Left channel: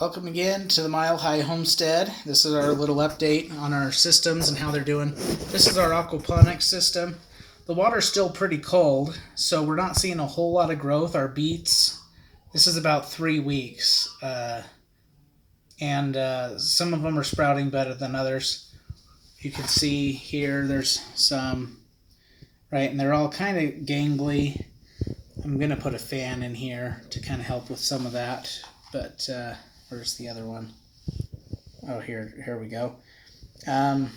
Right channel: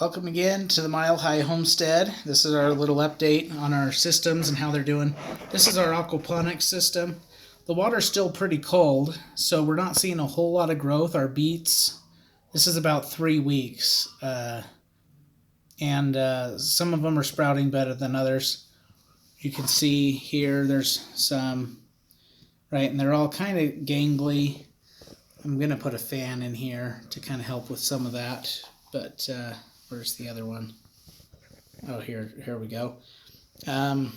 Welcome again to the Mile High Homestead. This is our little update on our systems and how they're doing. This is our aquaponics system. The water's still pretty cold, so we're not seeing a whole lot of growth. Our beets, this is about 3 weeks, and some of them are sprouting better than others. You can see here there's some, right, and they're all kind of gangly. I'm going to put a fan in here to kind of help with some of that, but where's the other one? Oh, here we go. And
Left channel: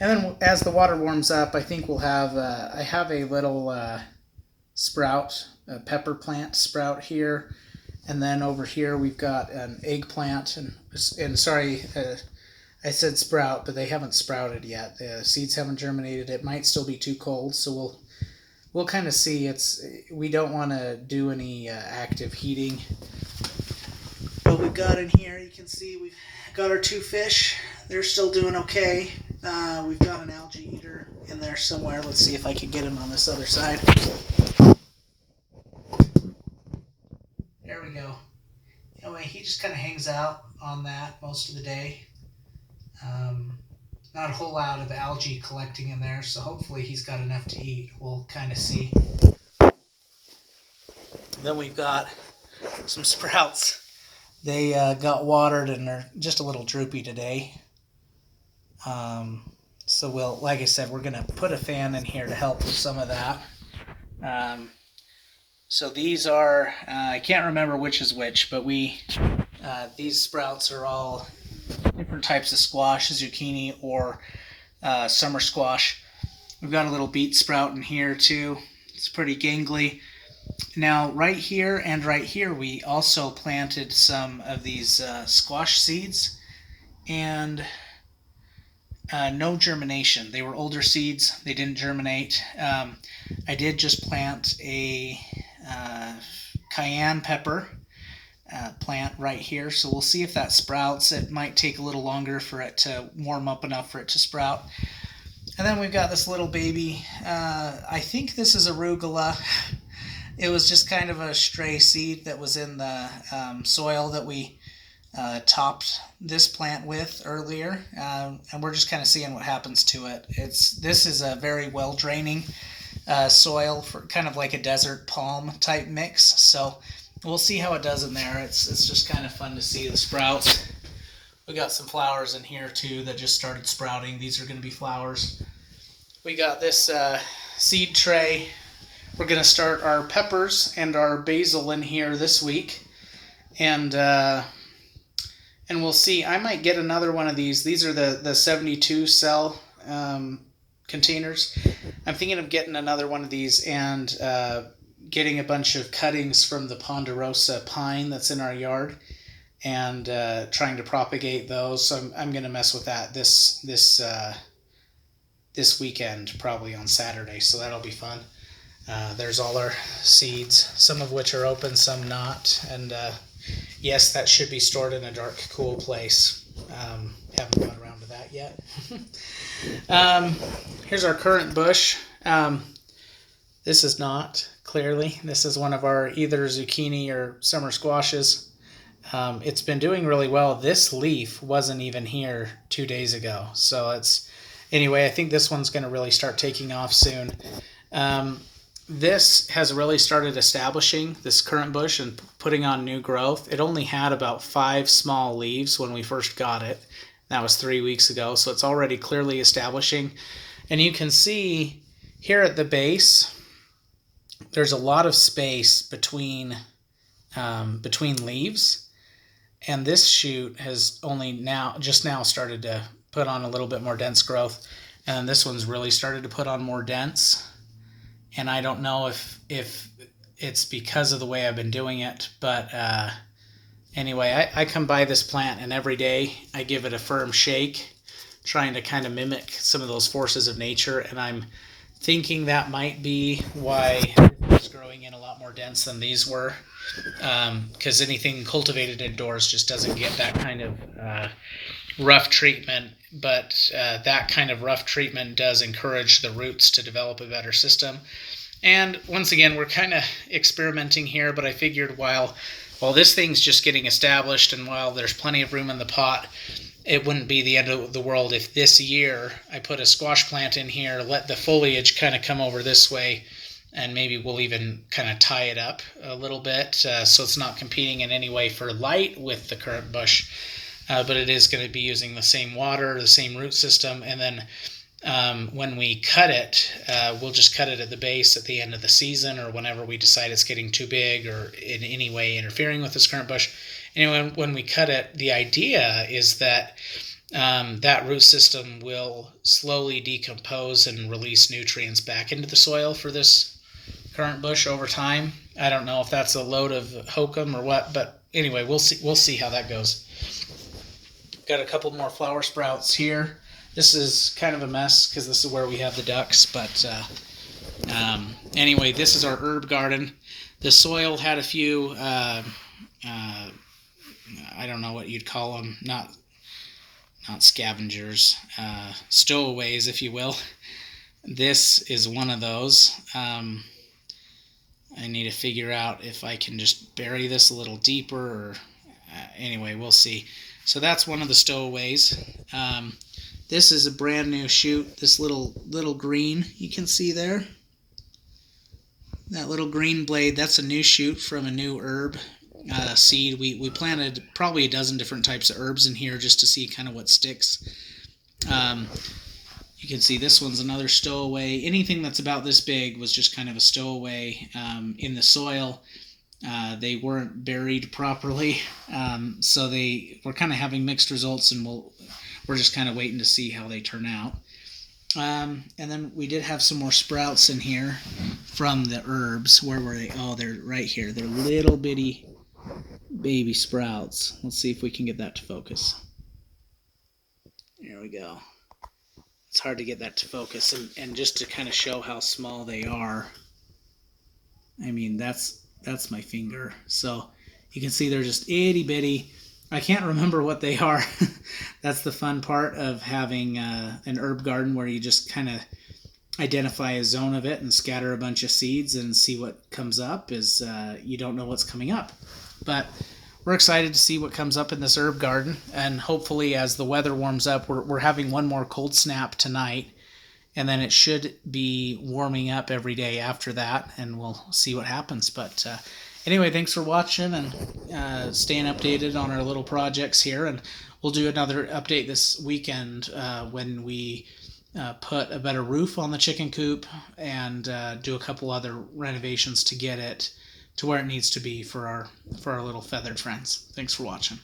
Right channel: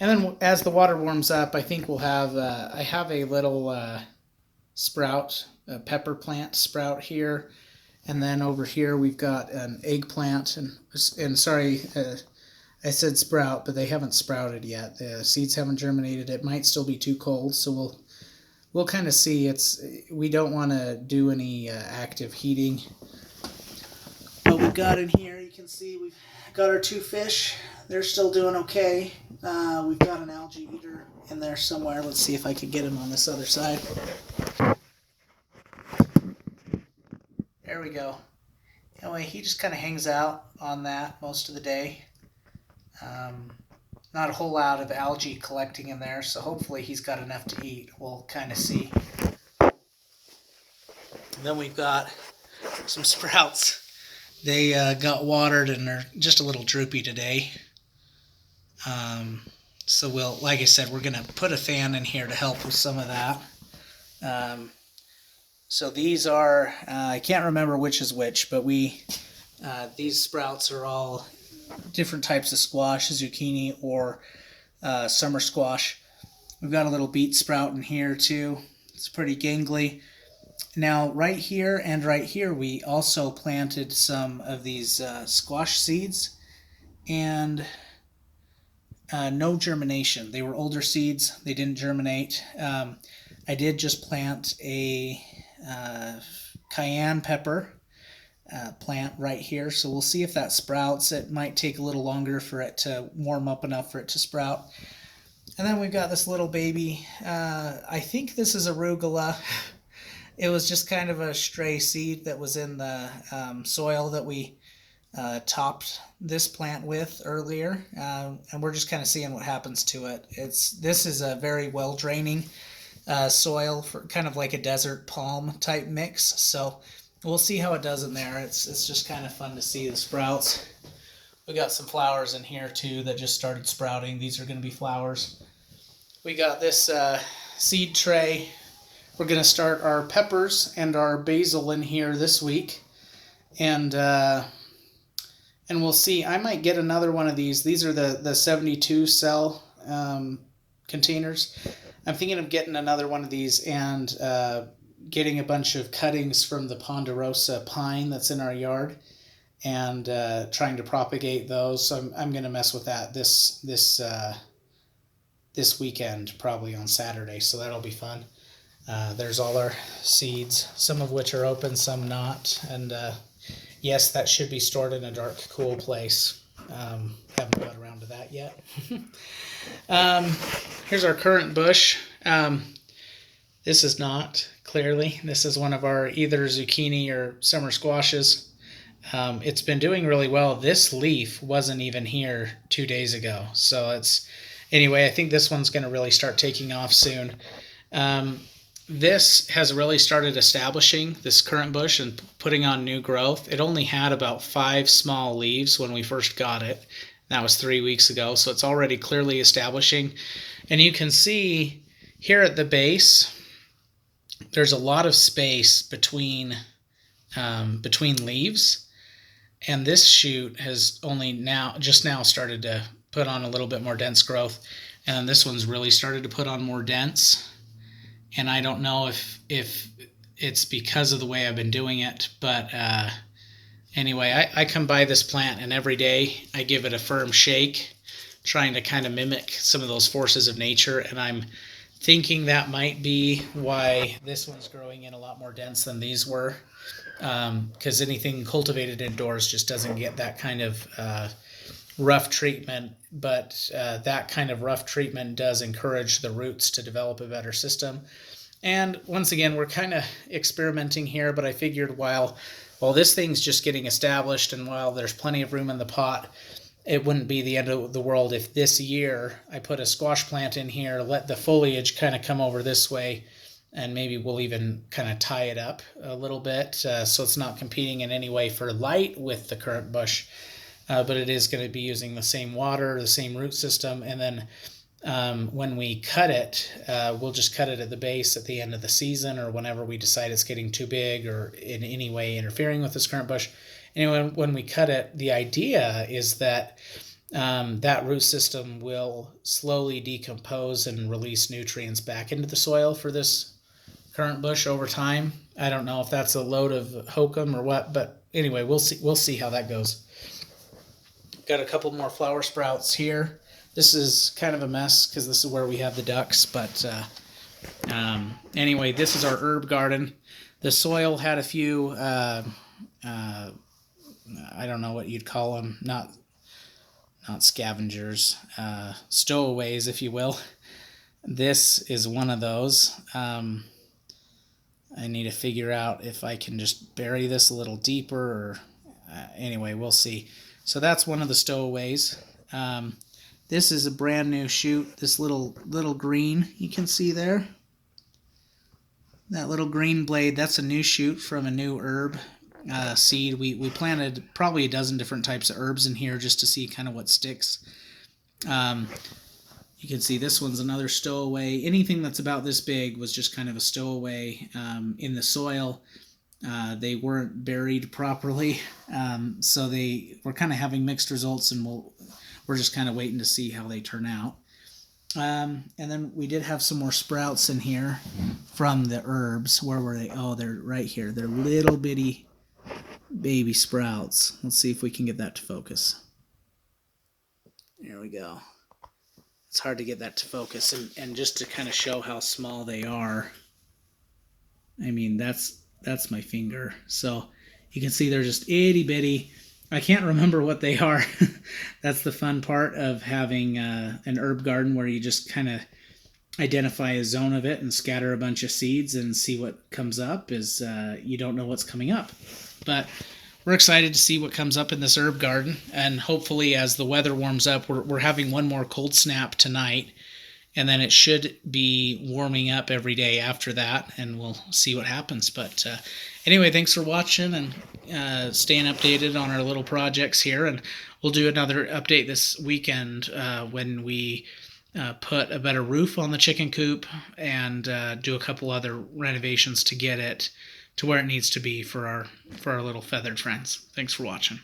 then as the water warms up, I think we'll have, I have a little sprout, a pepper plant sprout here. And then over here we've got an eggplant, and sorry, I said sprout, but they haven't sprouted yet. The seeds haven't germinated. It might still be too cold, so we'll kind of see. We don't want to do any active heating. What we've got in here, you can see we've got our 2 fish. They're still doing okay. We've got an algae eater in there somewhere. Let's see if I can get him on this other side. There we go. Anyway, he just kind of hangs out on that most of the day. Not a whole lot of algae collecting in there, so hopefully he's got enough to eat. We'll kind of see. And then we've got some sprouts. They got watered and they're just a little droopy today. So like I said, we're going to put a fan in here to help with some of that. So these are, I can't remember which is which, but these sprouts are all different types of squash, zucchini or summer squash. We've got a little beet sprout in here too. It's pretty gangly. Now right here and right here we also planted some of these squash seeds, and no germination. They were older seeds. They didn't germinate. I did just plant a cayenne pepper plant right here, so we'll see if that sprouts. It might take a little longer for it to warm up enough for it to sprout. And then we've got this little baby. I think this is arugula. It was just kind of a stray seed that was in the soil that we topped this plant with earlier, and we're just kind of seeing what happens to it. This is a very well draining soil for kind of like a desert palm type mix, so we'll see how it does in there. It's just kind of fun to see the sprouts. We got some flowers in here too that just started sprouting. These are going to be flowers. We got this seed tray. We're going to start our peppers and our basil in here this week, and we'll see. I might get another one of these. These are the 72 cell containers. I'm thinking of getting another one of these and getting a bunch of cuttings from the ponderosa pine that's in our yard and trying to propagate those. So I'm going to mess with that this weekend, probably on Saturday. So that'll be fun. There's all our seeds, some of which are open, some not. And yes, that should be stored in a dark, cool place. Haven't got around to that yet. Here's our current bush. This is not, clearly. This is one of our either zucchini or summer squashes. It's been doing really well. This leaf wasn't even here 2 days ago. So anyway, I think this one's going to really start taking off soon. This has really started establishing, this current bush, and putting on new growth. It only had about 5 small leaves when we first got it. That was 3 weeks ago, so it's already clearly establishing. And you can see here at the base, there's a lot of space between leaves. And this shoot has only just now started to put on a little bit more dense growth. And this one's really started to put on more dense. And I don't know if it's because of the way I've been doing it, but anyway, I come by this plant and every day I give it a firm shake, trying to kind of mimic some of those forces of nature, and I'm thinking that might be why this was growing in a lot more dense than these were, because anything cultivated indoors just doesn't get that kind of rough treatment, but that kind of rough treatment does encourage the roots to develop a better system. And once again, we're kind of experimenting here, but I figured while this thing's just getting established and while there's plenty of room in the pot, it wouldn't be the end of the world if this year I put a squash plant in here, let the foliage kind of come over this way, and maybe we'll even kind of tie it up a little bit so it's not competing in any way for light with the currant bush, but it is going to be using the same water, the same root system, and then when we cut it, we'll just cut it at the base at the end of the season or whenever we decide it's getting too big or in any way interfering with this currant bush. Anyway, when we cut it, the idea is that that root system will slowly decompose and release nutrients back into the soil for this currant bush over time. I don't know if that's a load of hokum or what, but anyway, we'll see how that goes. Got a couple more flower sprouts here. This is kind of a mess because this is where we have the ducks, but anyway, this is our herb garden. The soil had a few I don't know what you'd call them, not scavengers, stowaways, if you will. This is one of those. I need to figure out if I can just bury this a little deeper, or anyway, we'll see. So that's one of the stowaways. This is a brand new shoot. This little green you can see there. That little green blade, that's a new shoot from a new herb seed. We planted probably a dozen different types of herbs in here just to see kind of what sticks. You can see this one's another stowaway. Anything that's about this big was just kind of a stowaway in the soil. They weren't buried properly, so we're kind of having mixed results, and we're just kind of waiting to see how they turn out. And then we did have some more sprouts in here from the herbs. Where were they? Oh, they're right here. They're little bitty baby sprouts. Let's see if we can get that to focus. There we go. It's hard to get that to focus, and just to kind of show how small they are. I mean, that's my finger. So you can see they're just itty bitty. I can't remember what they are. That's the fun part of having an herb garden, where you just kind of identify a zone of it and scatter a bunch of seeds and see what comes up. Is you don't know what's coming up. But we're excited to see what comes up in this herb garden, and hopefully as the weather warms up, we're having one more cold snap tonight, and then it should be warming up every day after that, and we'll see what happens. But anyway, thanks for watching and staying updated on our little projects here, and we'll do another update this weekend when we put a better roof on the chicken coop and do a couple other renovations to get it to where it needs to be for our little feathered friends. Thanks for watching.